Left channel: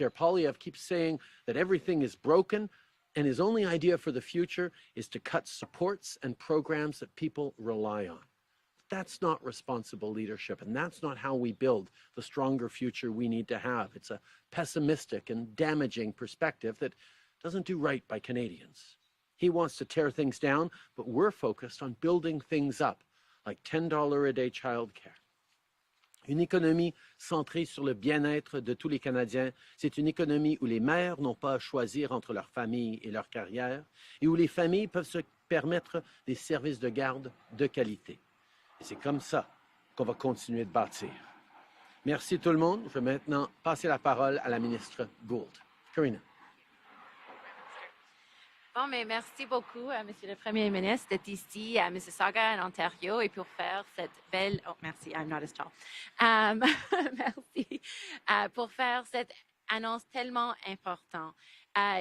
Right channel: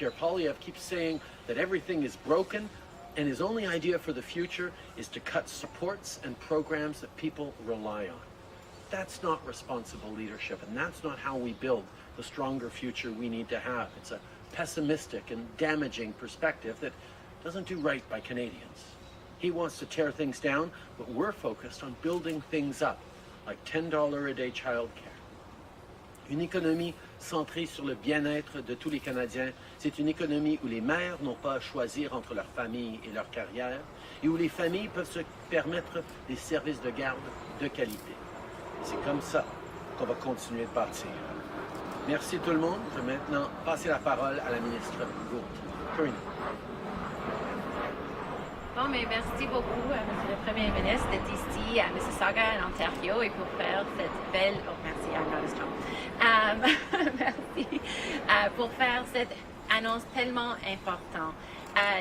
Pierre Poilievre keeps saying that everything is broken, and his only idea for the future is to cut supports and programs that people rely on. That's not responsible leadership, and that's not how we build the stronger future we need to have. It's a pessimistic and damaging perspective that doesn't do right by Canadians. He wants to tear things down, but we're focused on building things up, like $10 a day childcare. Une économie centrée sur le bien-être de tous les Canadiens, c'est une économie où les mères n'ont pas à choisir entre leur famille et leur carrière, et où les familles peuvent se permettre des services de garde de qualité. C'est comme ça qu'on va continuer de bâtir. Merci tout le monde. Je vais maintenant passer la parole à la ministre Gould. Karina. Bon, mais merci beaucoup à Monsieur le Premier ministre d'être ici à Mississauga, en Ontario, et pour faire cette belle... Oh, merci, I'm not as tall. Merci. Pour faire cette annonce tellement importante.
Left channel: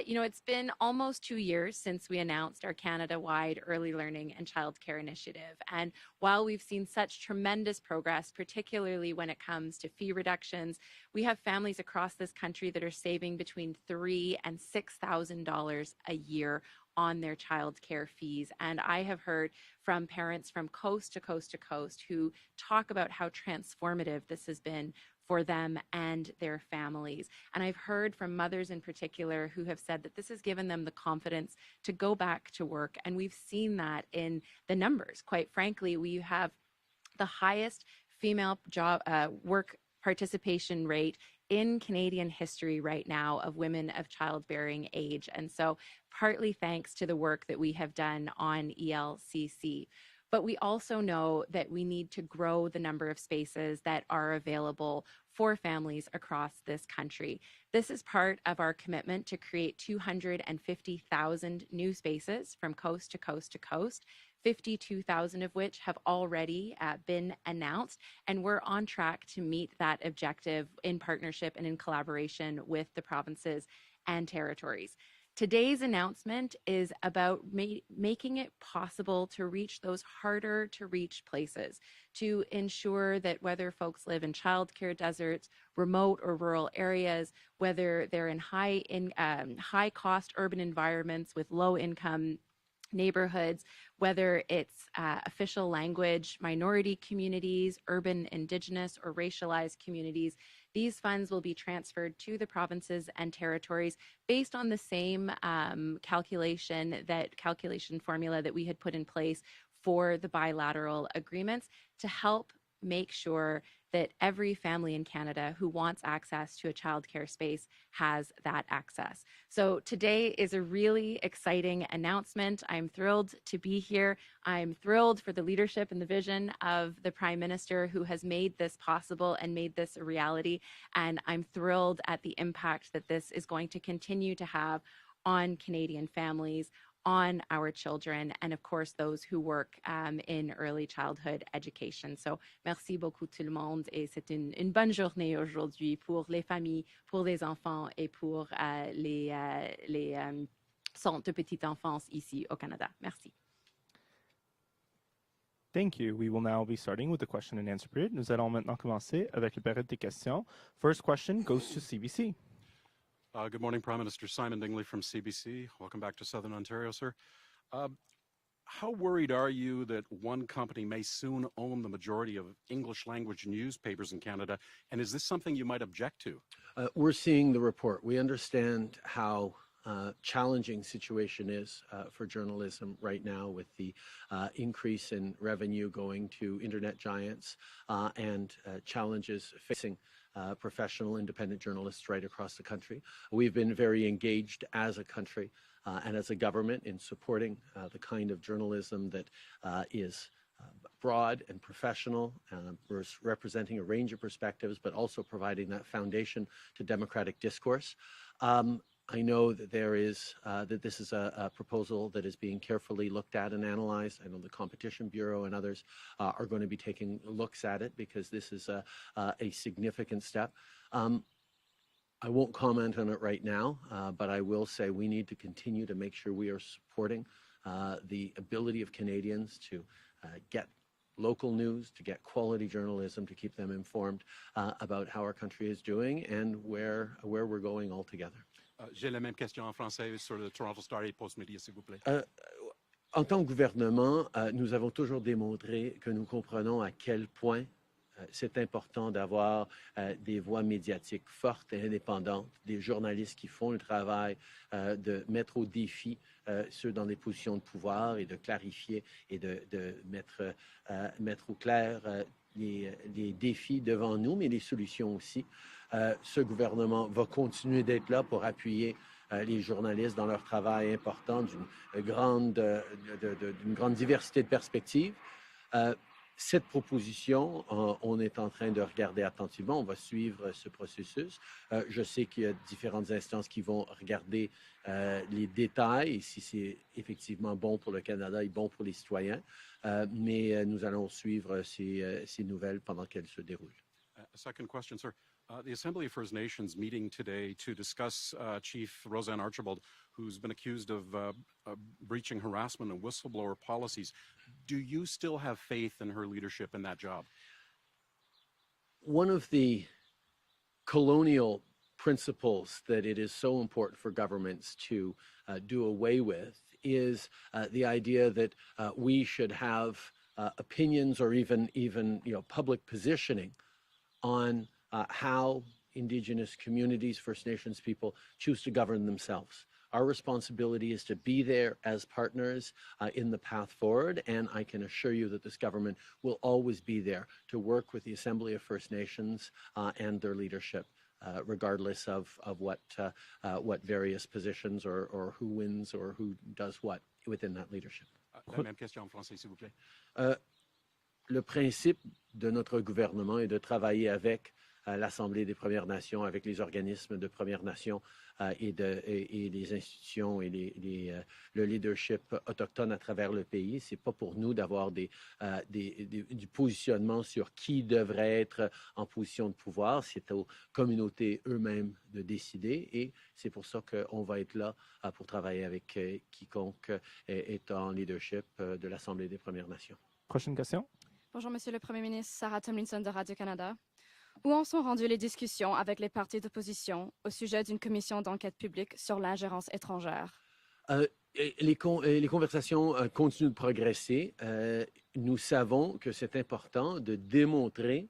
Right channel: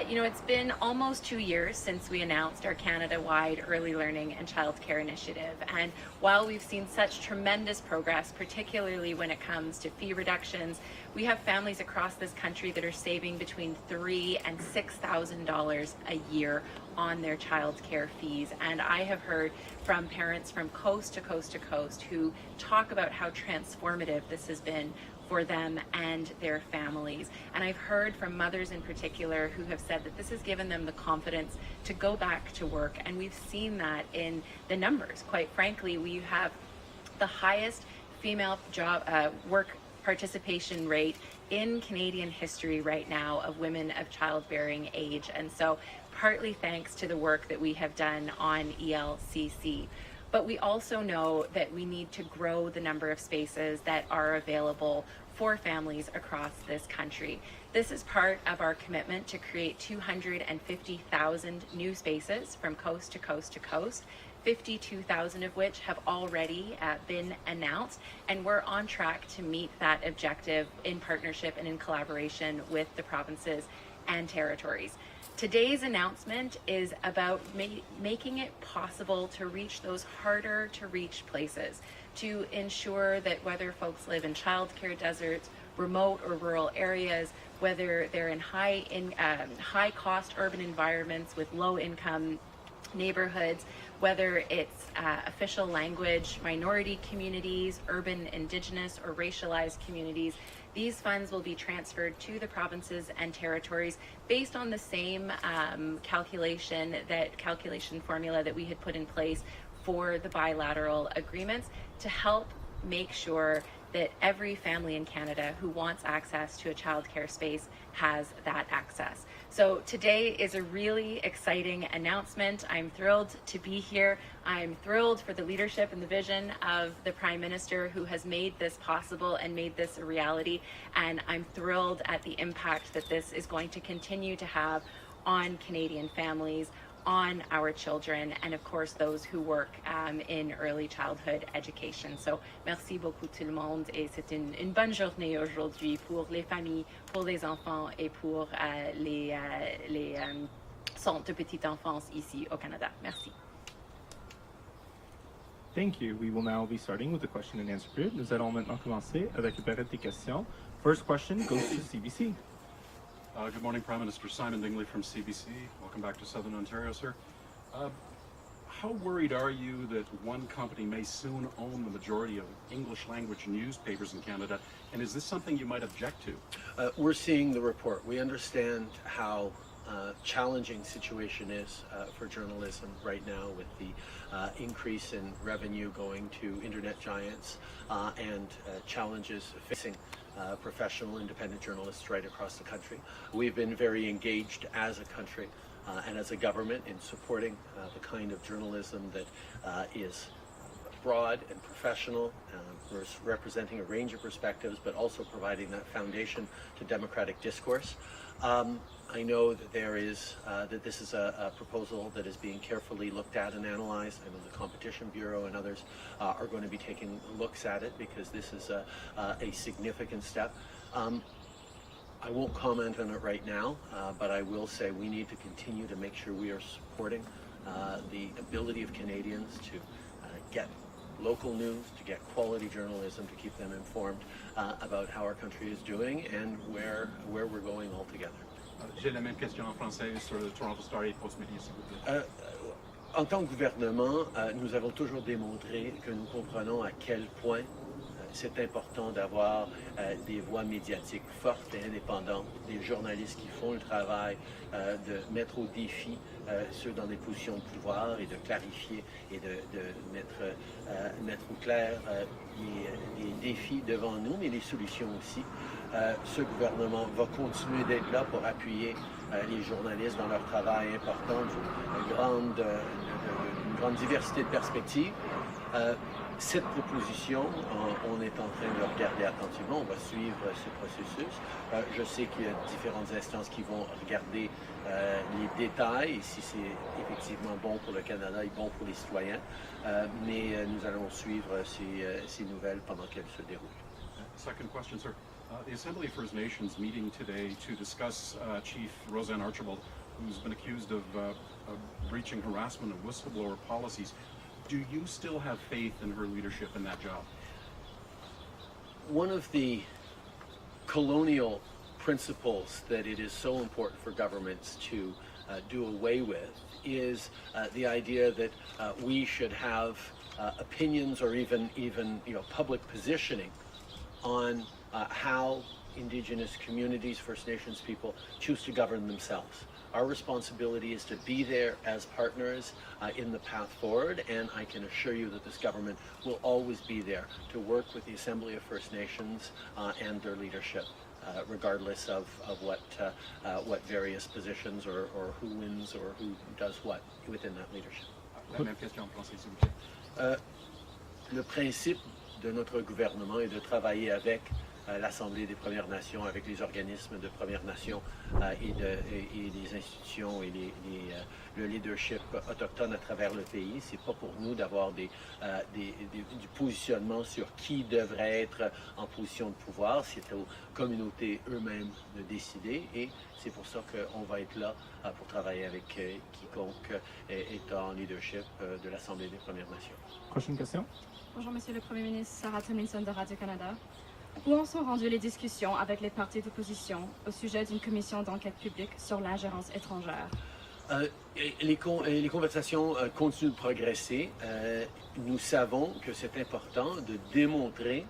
You know, it's been almost 2 years since we announced our Canada-wide Early Learning and Childcare Initiative. And while we've seen such tremendous progress, particularly when it comes to fee reductions, we have families across this country that are saving between $3,000 and $6,000 a year on their childcare fees. And I have heard from parents from coast to coast to coast who talk about how transformative this has been for them and their families. And I've heard from mothers in particular who have said that this has given them the confidence to go back to work. And we've seen that in the numbers. Quite frankly, we have the highest female job work participation rate in Canadian history right now of women of childbearing age. And so partly thanks to the work that we have done on ELCC. But we also know that we need to grow the number of spaces that are available for families across this country. This is part of our commitment to create 250,000 new spaces from coast to coast to coast, 52,000 of which have already been announced, and we're on track to meet that objective in partnership and in collaboration with the provinces and territories. Today's announcement is about making it possible to reach those harder to reach places, to ensure that whether folks live in childcare deserts, remote or rural areas, whether they're in high cost urban environments with low income neighborhoods, whether it's official language, minority communities, urban, indigenous, or racialized communities, these funds will be transferred to the provinces and territories based on the same calculation formula that we had put in place for the bilateral agreements to help make sure that every family in Canada who wants access to a childcare space has that access. So today is a really exciting announcement. I'm thrilled to be here. I'm thrilled for the leadership and the vision of the Prime Minister who has made this possible and made this a reality. And I'm thrilled at the impact that this is going to continue to have on Canadian families, on our children, and of course those who work in early childhood education. So merci beaucoup tout le monde, et c'est une bonne journée aujourd'hui pour les familles, pour les enfants et pour les centres de petite enfance ici au Canada. Merci. Thank you. We will now be starting with the question and answer period. Nous allons maintenant commencer avec la période des questions. First question goes to CBC. Good morning, Prime Minister. Simon Dingley from CBC. Welcome back to Southern Ontario, sir. How worried are you that one company may soon own the majority of English language newspapers in Canada, and is this something you might object to? We're seeing the report. We understand how challenging situation is for journalism right now with the increase in revenue going to internet giants and challenges facing professional independent journalists right across the country. We've been very engaged as a country and as a government in supporting the kind of journalism that is broad and professional, representing a range of perspectives, but also providing that foundation to democratic discourse. I know that that this is a proposal that is being carefully looked at and analyzed. I know the Competition Bureau and others are going to be taking looks at it because this is a significant step. I won't comment on it right now, but I will say we need to continue to make sure we are supporting the ability of Canadians to get local news, to get quality journalism, to keep them informed about how our country is doing and where we're going altogether. J'ai la même question en français sur le Toronto Star et Post Media, s'il vous plaît. En tant que gouvernement, nous avons toujours démontré que nous comprenons à quel point c'est important d'avoir des voix médiatiques fortes et indépendantes, des journalistes qui font le travail de mettre au défi ceux dans des positions de pouvoir et de clarifier et de mettre au clair les défis devant nous, mais les solutions aussi. Ce gouvernement va continuer d'être là pour appuyer les journalistes dans leur travail important, d'une grande diversité de perspectives. Cette proposition, on est en train de regarder attentivement, on va suivre ce processus. Je sais qu'il y a différentes instances qui vont regarder les détails, et si c'est effectivement bon pour le Canada et bon pour les citoyens, mais nous allons suivre ces nouvelles pendant qu'elles se déroulent. Second question, sir. The Assembly of First Nations meeting today to discuss Chief Roseanne Archibald, who's been accused of breaching harassment and whistleblower policies. Do you still have faith in her leadership in that job? One of the colonial principles that it is so important for governments to do away with is the idea that we should have opinions or even public positioning on how Indigenous communities, First Nations people choose to govern themselves. Our responsibility is to be there as partners in the path forward, and I can assure you that this government will always be there to work with the Assembly of First Nations and their leadership, regardless of what various positions or who wins or who does what within that leadership. La même question en français, s'il vous plaît. Le principe de notre gouvernement est de travailler avec l'Assemblée des Premières Nations, avec les organismes de Premières Nations et les institutions et le leadership autochtone à travers le pays. C'est pas pour nous d'avoir du positionnement sur qui devrait être en position de pouvoir. C'est aux communautés eux-mêmes de décider, et c'est pour ça qu'on va être là pour travailler avec quiconque est en leadership de l'Assemblée des Premières Nations. Prochaine question. Bonjour, Monsieur le Premier ministre, Sarah Tomlinson de Radio-Canada. Où en sont rendues les discussions avec les partis d'opposition au sujet d'une commission d'enquête publique sur l'ingérence étrangère? Les conversations continuent de progresser. Nous savons que c'est important de démontrer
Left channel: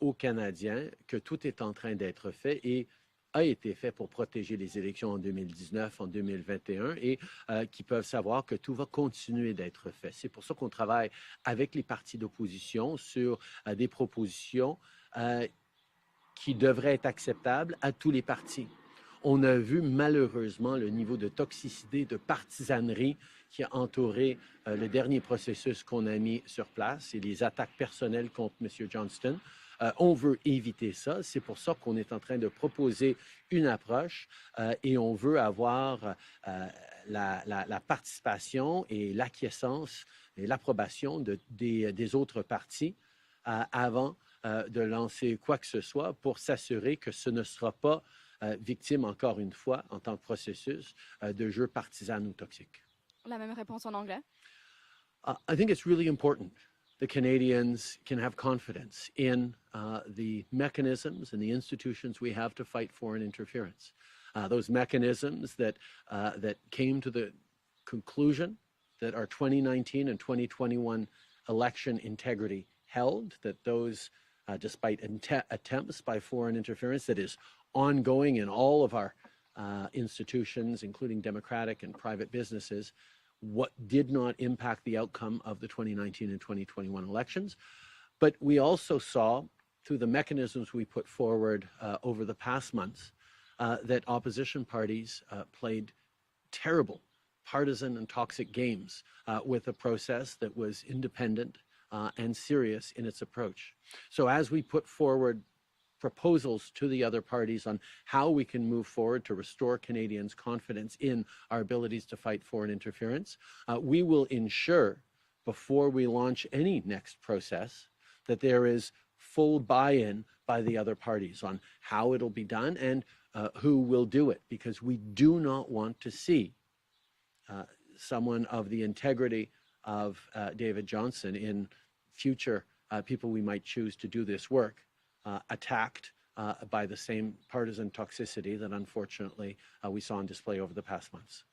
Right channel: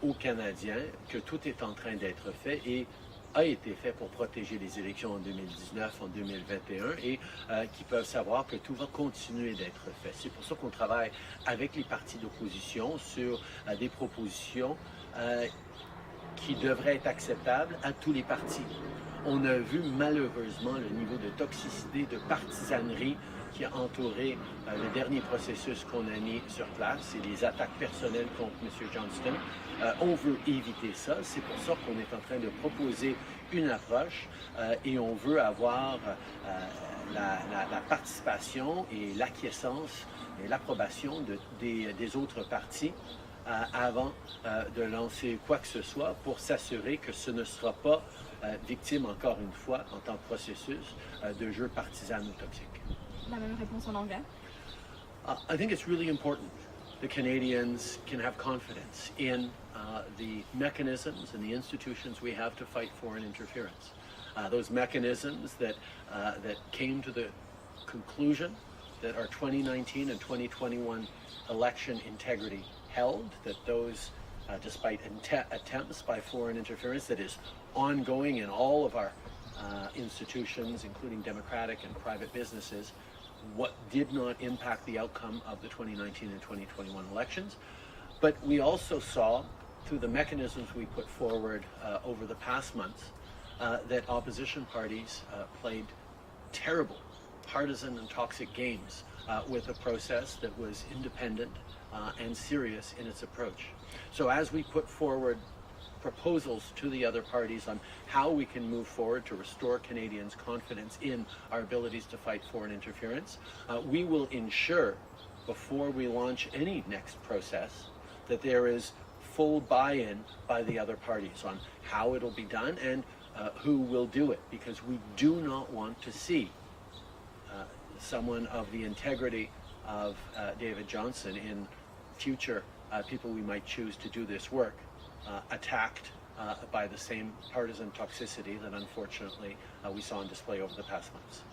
aux Canadiens que tout est en train d'être fait et a été fait pour protéger les élections en 2019, en 2021, et qui peuvent savoir que tout va continuer d'être fait. C'est pour ça qu'on travaille avec les partis d'opposition sur des propositions qui devraient être acceptables à tous les partis. On a vu malheureusement le niveau de toxicité, de partisanerie qui a entouré le dernier processus qu'on a mis sur place et les attaques personnelles contre M. Johnston. On veut éviter ça, c'est pour ça qu'on est en train de proposer une approche et on veut avoir la participation et l'acquiescence et l'approbation des autres partis avant de lancer quoi que ce soit pour s'assurer que ce ne sera pas victime, encore une fois, en tant que processus, de jeux partisans ou toxiques. La même réponse en anglais. I think it's really important that Canadians can have confidence in the mechanisms and the institutions we have to fight foreign interference. Those mechanisms that came to the conclusion that our 2019 and 2021 election integrity held, that those, despite attempts by foreign interference that is ongoing in all of our institutions, including democratic and private businesses, what did not impact the outcome of the 2019 and 2021 elections. But we also saw, through the mechanisms we put forward over the past months, that opposition parties played terrible, partisan and toxic games with a process that was independent and serious in its approach. So as we put forward proposals to the other parties on how we can move forward to restore Canadians' confidence in our abilities to fight foreign interference, we will ensure, before we launch any next process, that there is full buy-in by the other parties on how it'll be done and who will do it, because we do not want to see someone of the integrity of David Johnston in future people we might choose to do this work attacked by the same partisan toxicity that unfortunately we saw on display over the past months.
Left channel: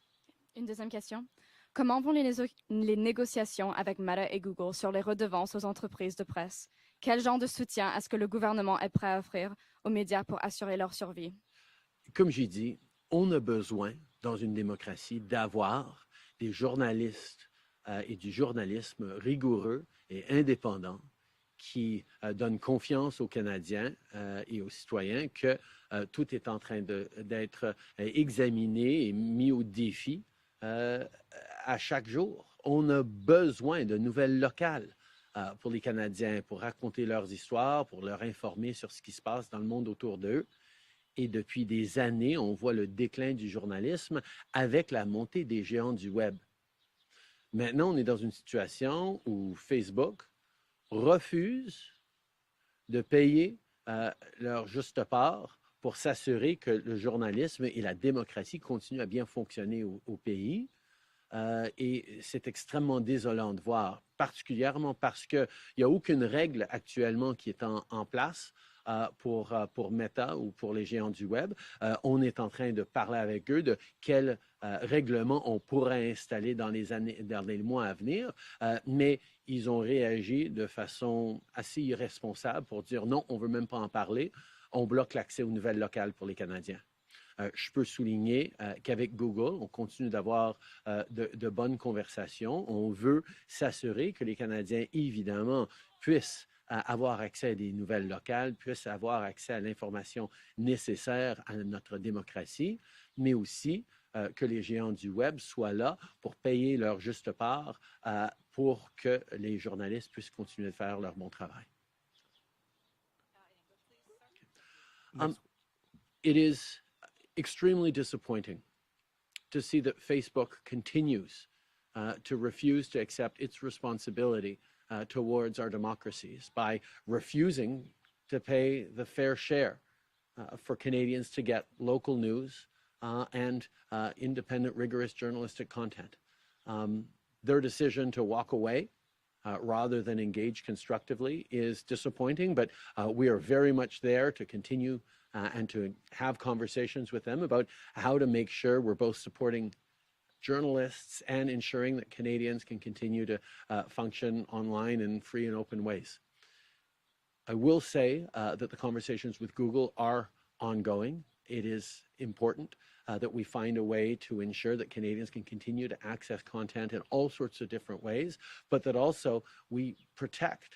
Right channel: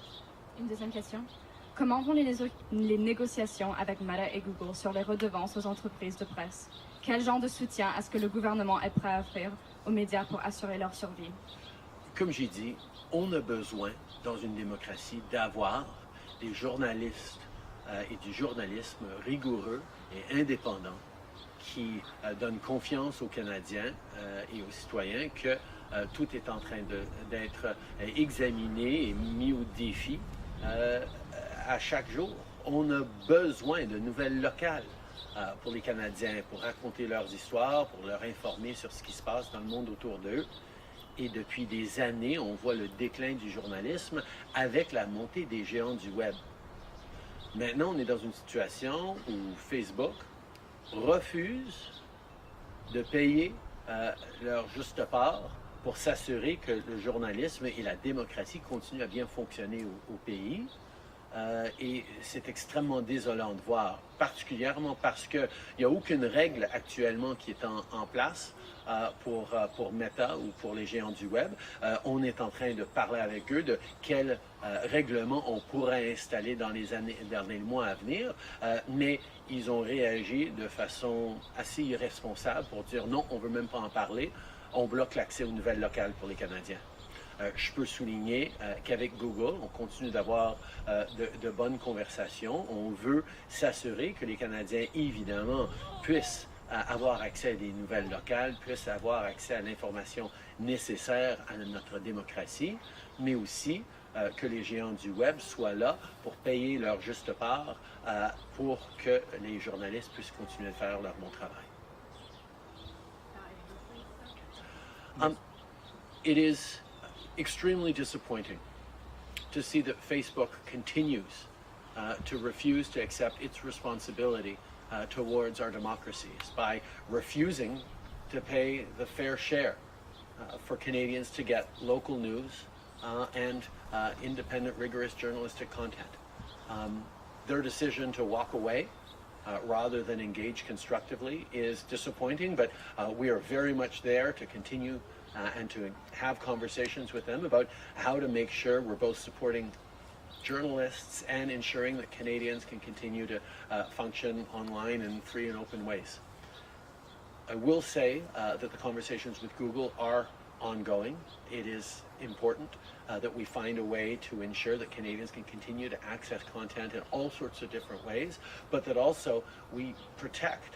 Une deuxième question. Comment vont les négociations avec Meta et Google sur les redevances aux entreprises de presse? Quel genre de soutien est-ce que le gouvernement est prêt à offrir aux médias pour assurer leur survie? Comme j'ai dit, on a besoin, dans une démocratie, d'avoir des journalistes et du journalisme rigoureux et indépendant qui donnent confiance aux Canadiens et aux citoyens que tout est en train d'être examiné et mis au défi à chaque jour. On a besoin de nouvelles locales pour les Canadiens, pour raconter leurs histoires, pour leur informer sur ce qui se passe dans le monde autour d'eux. Et depuis des années, on voit le déclin du journalisme avec la montée des géants du web. Maintenant, on est dans une situation où Facebook refuse de payer leur juste part pour s'assurer que le journalisme et la démocratie continuent à bien fonctionner au pays. Et c'est extrêmement désolant de voir, particulièrement parce qu'il n'y a aucune règle actuellement qui est en place pour Meta ou pour les géants du web. On est en train de parler avec eux de quel règlement on pourrait installer dans les mois à venir, mais ils ont réagi de façon assez irresponsable pour dire non, on ne veut même pas en parler, on bloque l'accès aux nouvelles locales pour les Canadiens. Je peux souligner qu'avec Google, on continue d'avoir de bonnes conversations. On veut s'assurer que les Canadiens, évidemment, puissent avoir accès à des nouvelles locales, puissent avoir accès à l'information nécessaire à notre démocratie, mais aussi que les géants du web soient là pour payer leur juste part pour que les journalistes puissent continuer de faire leur bon travail. It is extremely disappointing to see that Facebook continues to refuse to accept its responsibility towards our democracies by refusing to pay the fair share for Canadians to get local news and independent, rigorous journalistic content. Their decision to walk away rather than engage constructively is disappointing, but we are very much there to continue and to have conversations with them about how to make sure we're both supporting journalists and ensuring that Canadians can continue to function online in free and open ways. I will say that the conversations with Google are ongoing. It is important that we find a way to ensure that Canadians can continue to access content in all sorts of different ways, but that also we protect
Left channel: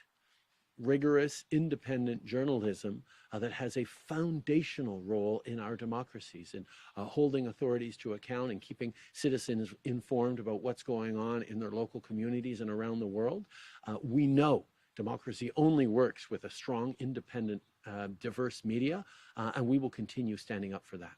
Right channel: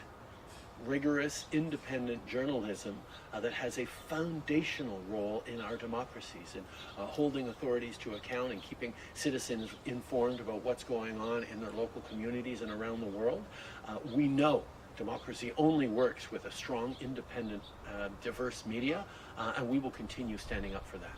rigorous, independent journalism that has a foundational role in our democracies, in holding authorities to account and keeping citizens informed about what's going on in their local communities and around the world. We know democracy only works with a strong, independent, diverse media, and we will continue standing up for that.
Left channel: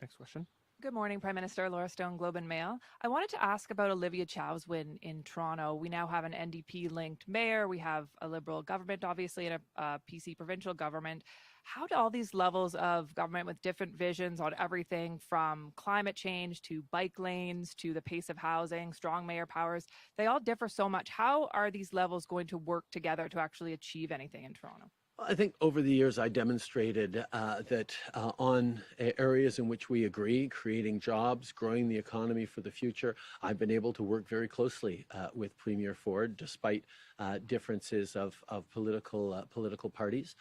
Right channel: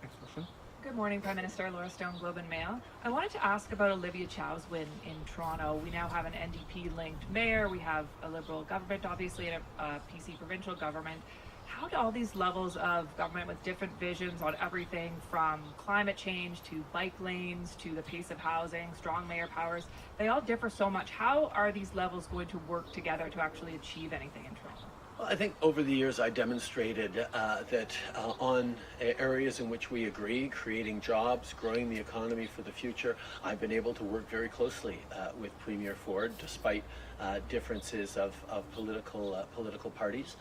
Next question. Good morning, Prime Minister. Laura Stone, Globe and Mail. I wanted to ask about Olivia Chow's win in Toronto. We now have an NDP-linked mayor. We have a Liberal government, obviously, and a PC provincial government. How do all these levels of government with different visions on everything from climate change to bike lanes to the pace of housing, strong mayor powers, they all differ so much. How are these levels going to work together to actually achieve anything in Toronto? I think over the years I demonstrated that on areas in which we agree, creating jobs, growing the economy for the future, I've been able to work very closely with Premier Ford, despite differences of political parties.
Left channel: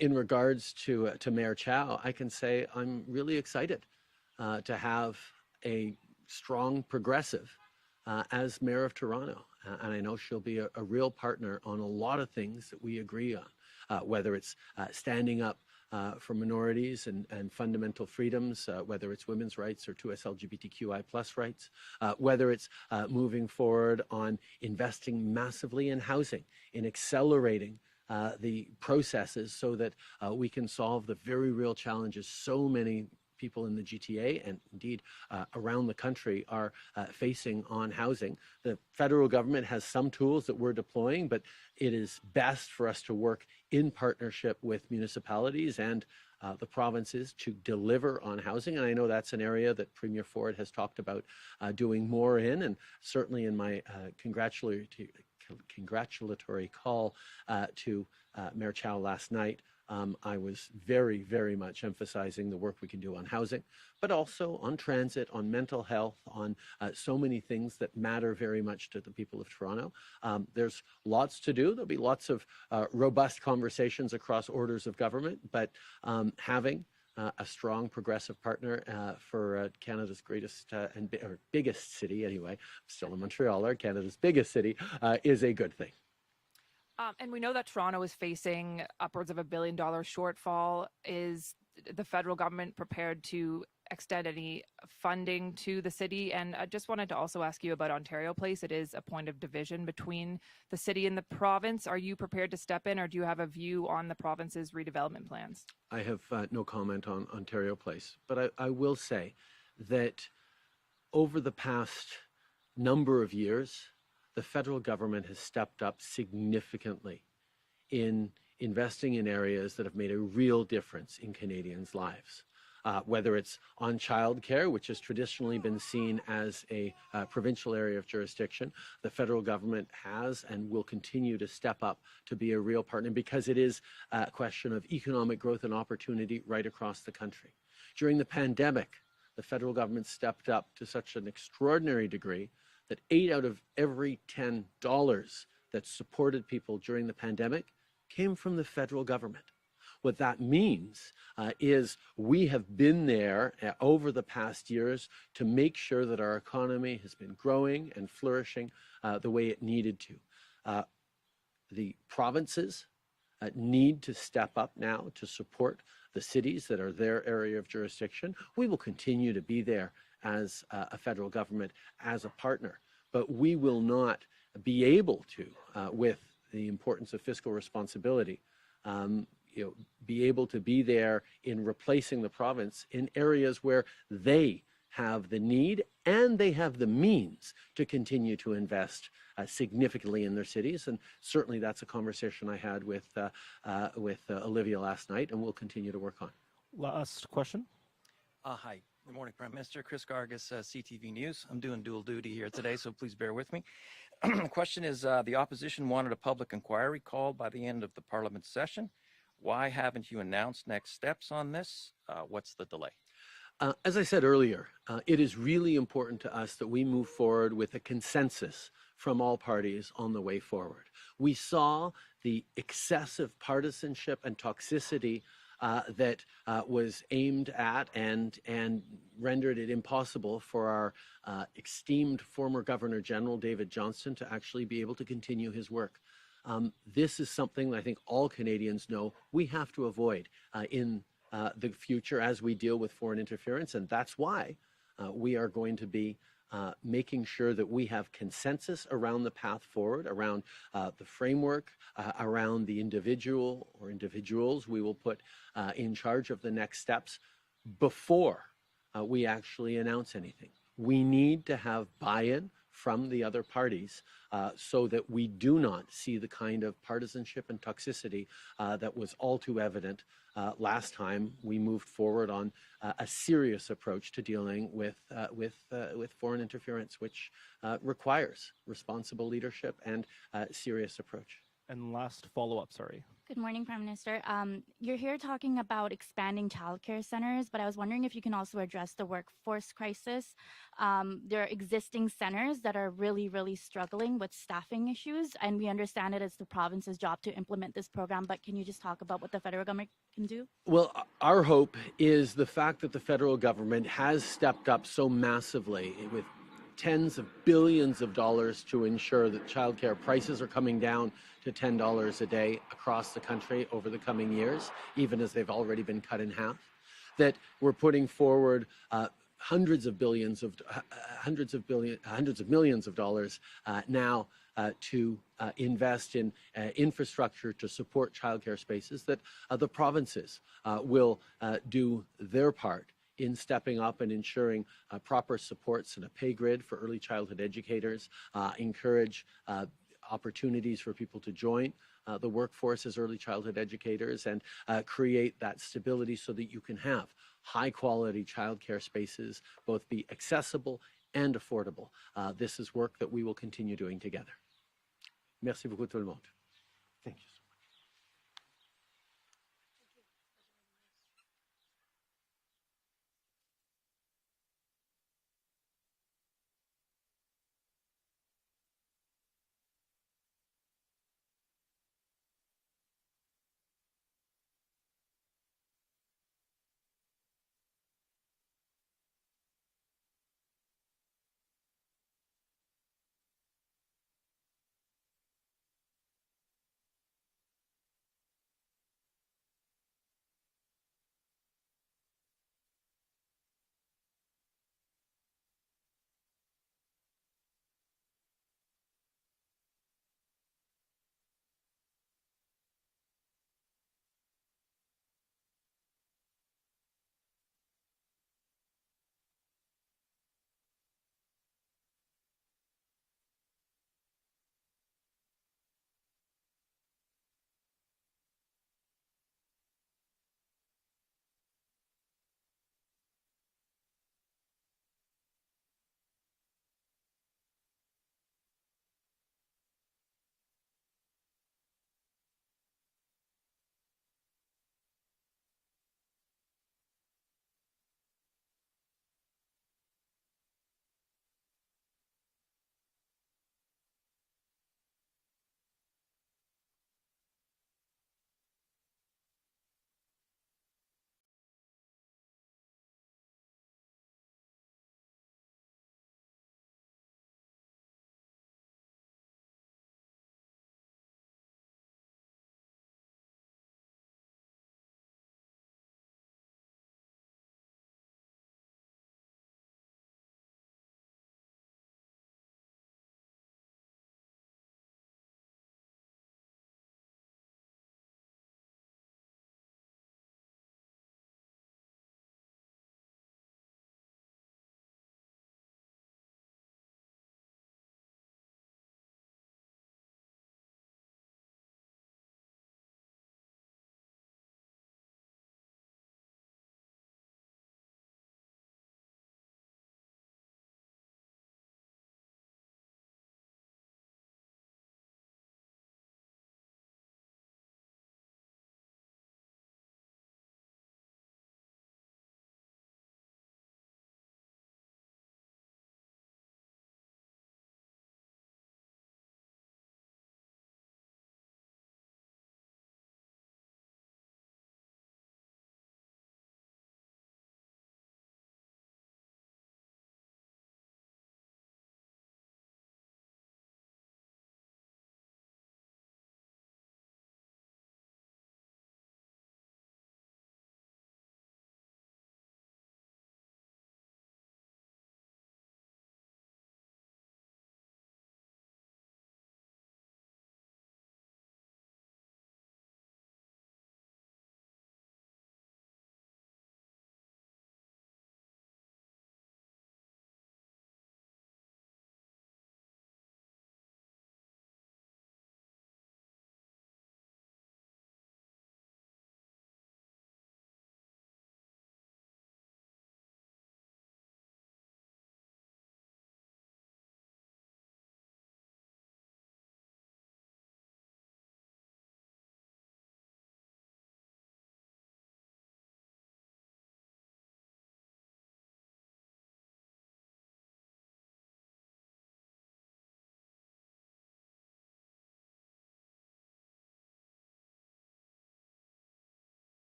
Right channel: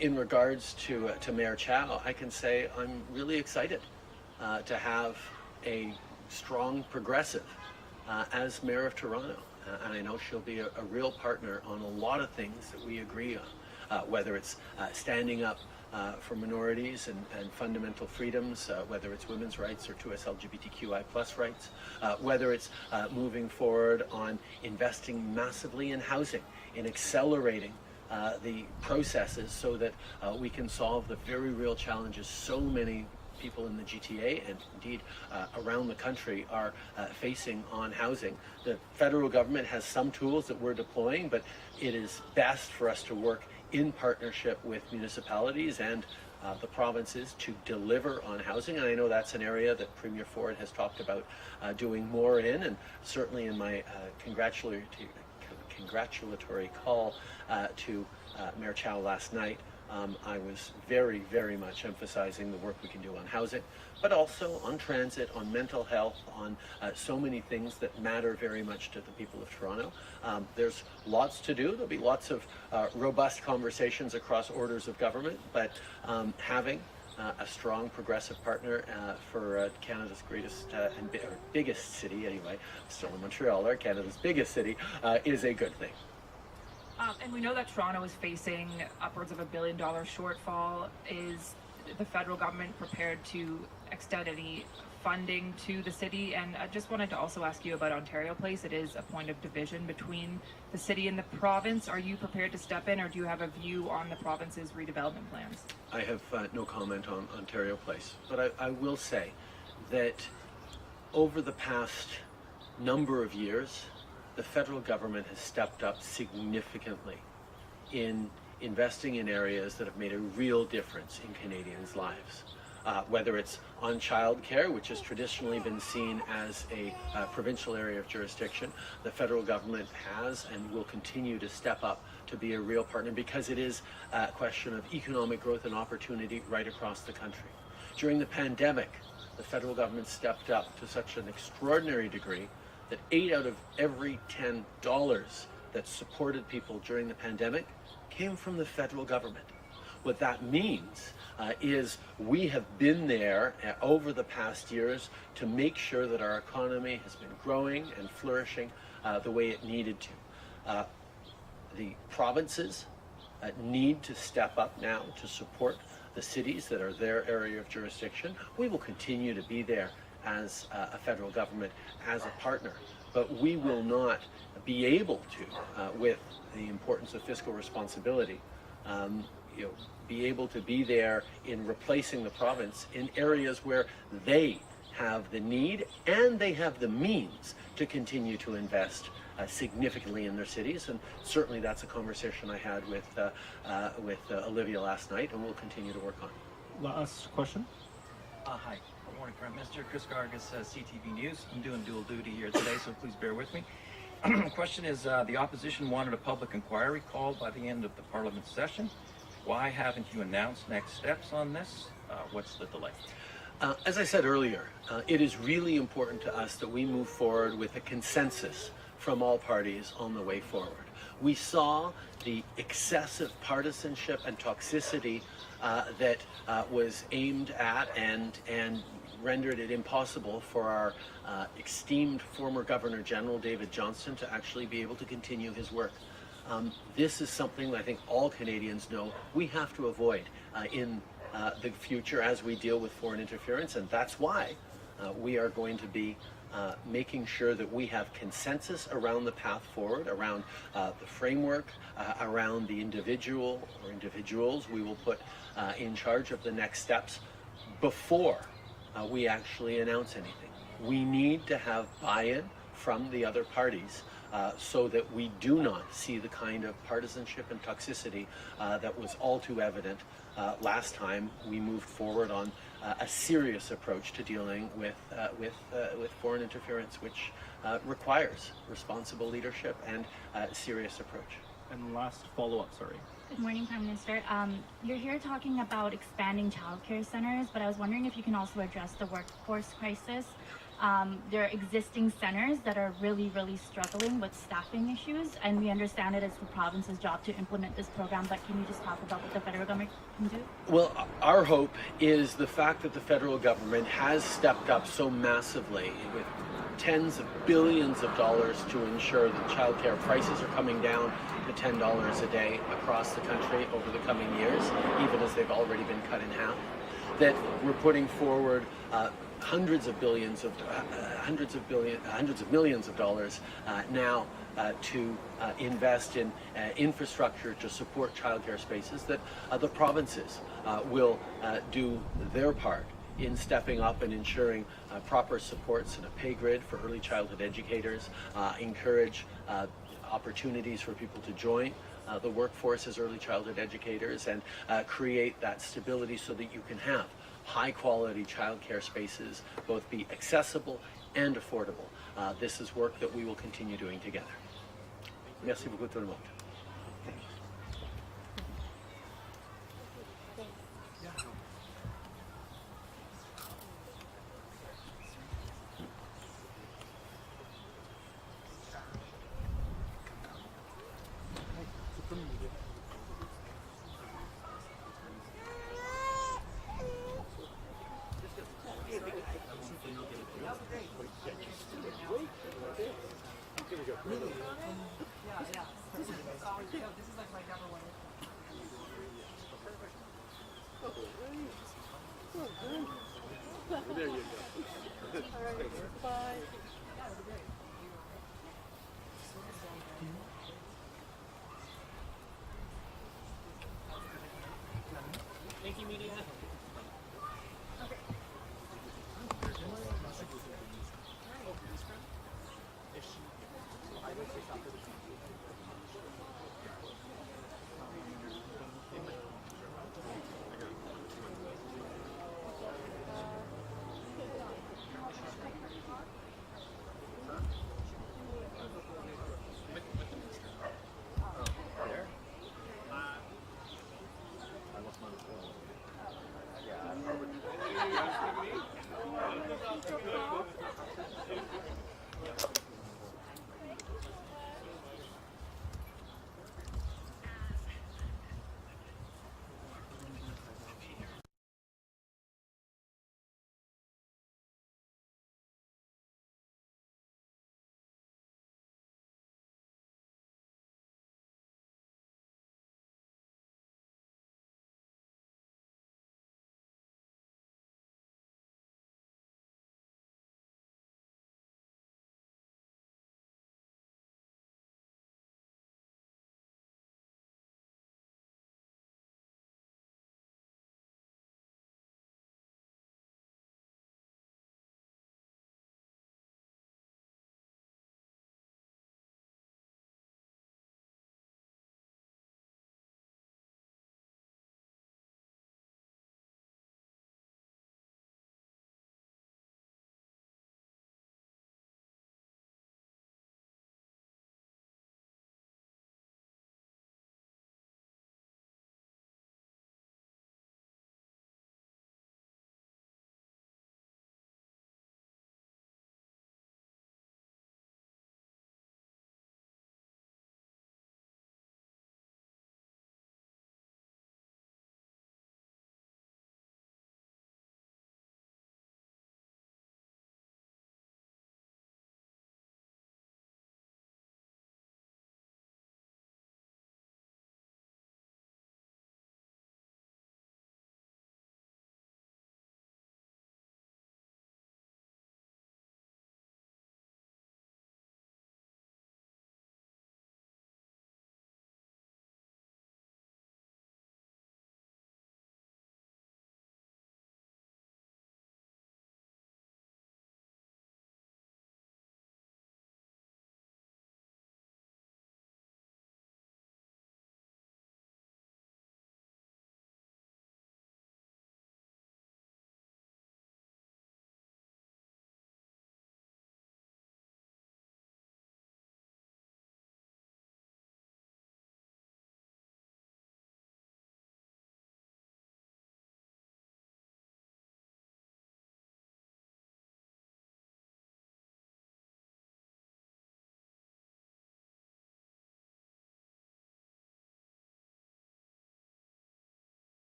In regards to Mayor Chow, I can say I'm really excited to have a strong progressive as Mayor of Toronto. And I know she'll be a real partner on a lot of things that we agree on. Whether it's standing up for minorities and fundamental freedoms, whether it's women's rights or 2S LGBTQI+ rights, whether it's moving forward on investing massively in housing, in accelerating the processes so that we can solve the very real challenges so many people in the GTA and indeed around the country are facing on housing. The federal government has some tools that we're deploying, but it is best for us to work in partnership with municipalities and the provinces to deliver on housing. And I know that's an area that Premier Ford has talked about doing more in, and certainly in my congratulatory congratulatory call to Mayor Chow last night. I was very, very much emphasizing the work we can do on housing, but also on transit, on mental health, on so many things that matter very much to the people of Toronto. There's lots to do. There'll be lots of robust conversations across orders of government, but having a strong progressive partner for Canada's greatest and biggest city, anyway, still in Montreal, Canada's biggest city, is a good thing. And we know that Toronto is facing upwards of $1 billion shortfall. Is the federal government prepared to extend any funding to the city? And I just wanted to also ask you about Ontario Place. It is a point of division between the city and the province. Are you prepared to step in, or do you have a view on the province's redevelopment plans? I have no comment on Ontario Place, but I will say that over the past number of years, the federal government has stepped up significantly in investing in areas that have made a real difference in Canadians' lives. Whether it's on childcare, which has traditionally been seen as a provincial area of jurisdiction, the federal government has and will continue to step up to be a real partner, because it is a question of economic growth and opportunity right across the country. During the pandemic, the federal government stepped up to such an extraordinary degree that 8 out of every $10 that supported people during the pandemic came from the federal government. What that means is we have been there over the past years to make sure that our economy has been growing and flourishing the way it needed to. The provinces need to step up now to support the cities that are their area of jurisdiction. We will continue to be there as a federal government, as a partner, but we will not be able to, with the importance of fiscal responsibility, be able to be there in replacing the province in areas where they have the need and they have the means to continue to invest significantly in their cities. And certainly that's a conversation I had with Olivia last night, and we'll continue to work on. Last question. Hi. Good morning, Prime Minister. Chris Gargas, CTV News. I'm doing dual duty here today, so please bear with me. Question is, the opposition wanted a public inquiry called by the end of the Parliament session. Why haven't you announced next steps on this? What's the delay? As I said earlier, it is really important to us that we move forward with a consensus from all parties on the way forward. We saw the excessive partisanship and toxicity that was aimed at and rendered it impossible for our esteemed former Governor General David Johnston to actually be able to continue his work. This is something that I think all Canadians know we have to avoid in the future as we deal with foreign interference, and that's why we are going to be making sure that we have consensus around the path forward, around the framework, around the individual or individuals we will put in charge of the next steps before we actually announce anything. We need to have buy-in from the other parties so that we do not see the kind of partisanship and toxicity that was all too evident last time we moved forward on a serious approach to dealing with foreign interference, which requires responsible leadership and serious approach. And last follow-up, sorry. Good morning, Prime Minister. You're here talking about expanding childcare centers, but I was wondering if you can also address the workforce crisis. There are existing centers that are really struggling with staffing issues, and we understand it is the province's job to implement this program, but can you just talk about what the federal government can do? Well, our hope is the fact that the federal government has stepped up so massively with tens of billions of dollars to ensure that childcare prices are coming down to $10 a day across the country over the coming years, even as they've already been cut in half, that we're putting forward hundreds of millions of dollars now to invest in infrastructure to support childcare spaces, that the provinces will do their part in stepping up and ensuring proper supports and a pay grid for early childhood educators, encourage opportunities for people to join the workforce as early childhood educators, and create that stability so that you can have high quality childcare spaces both be accessible and affordable. This is work that we will continue doing together. Merci beaucoup tout le monde.